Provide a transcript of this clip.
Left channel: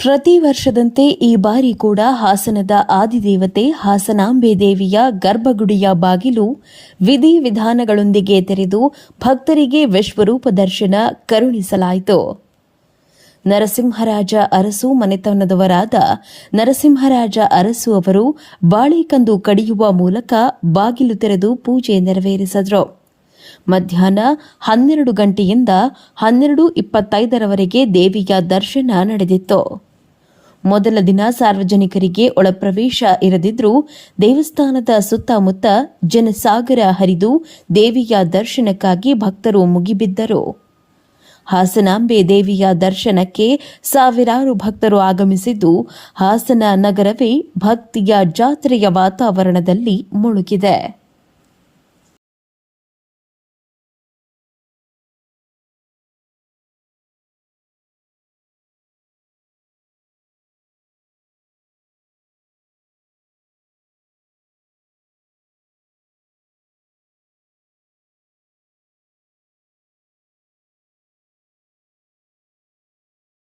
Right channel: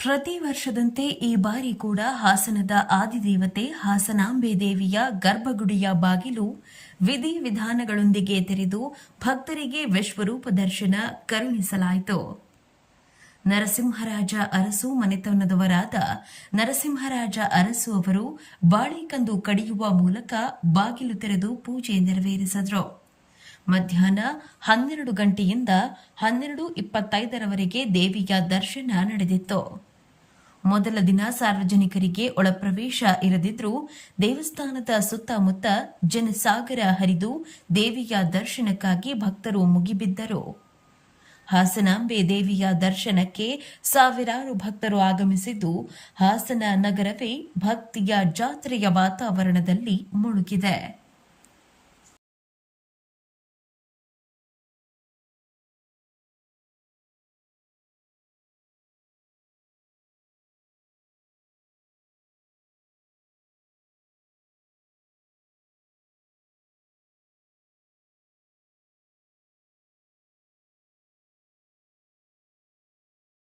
ಪ್ರತಿ ವರ್ಷದಂತೆ ಈ ಬಾರಿ ಕೂಡ ಹಾಸನದ ಆದಿದೇವತೆ ಹಾಸನಾಂಬೆ ದೇವಿಯ ಗರ್ಭಗುಡಿಯ ಬಾಗಿಲು ವಿಧಿ ವಿಧಾನಗಳೊಂದಿಗೆ ತೆರೆದು ಭಕ್ತರಿಗೆ ವಿಶ್ವರೂಪ ದರ್ಶನ ಕರುಣಿಸಲಾಯಿತು. ನರಸಿಂಹರಾಜ ಅರಸು ಮನೆತನದವರಾದ ನರಸಿಂಹರಾಜ ಅರಸು ಅವರು ಬಾಳೆಕಂದು ಕಡಿಯುವ ಮೂಲಕ ಬಾಗಿಲು ತೆರೆದು ಪೂಜೆ ನೆರವೇರಿಸಿದರು. ಮಧ್ಯಾಹ್ನ ಹನ್ನೆರಡು ಗಂಟೆಯಿಂದ ಹನ್ನೆರಡು ಇಪ್ಪತ್ತೈದರವರೆಗೆ ದೇವಿಯ ದರ್ಶನ ನಡೆದಿತ್ತು. ಮೊದಲ ದಿನ ಸಾರ್ವಜನಿಕರಿಗೆ ಒಳಪ್ರವೇಶ ಇರದಿದ್ರೂ ದೇವಸ್ಥಾನದ ಸುತ್ತಮುತ್ತ ಜನಸಾಗರ ಹರಿದು ದೇವಿಯ ದರ್ಶನಕ್ಕಾಗಿ ಭಕ್ತರು ಮುಗಿಬಿದ್ದರು. ಹಾಸನಾಂಬೆ ದೇವಿಯ ದರ್ಶನಕ್ಕೆ ಸಾವಿರಾರು ಭಕ್ತರು ಆಗಮಿಸಿದ್ದು, ಹಾಸನ ನಗರವೇ ಭಕ್ತಿಯ ಜಾತ್ರೆಯ ವಾತಾವರಣದಲ್ಲಿ ಮುಳುಗಿದೆ.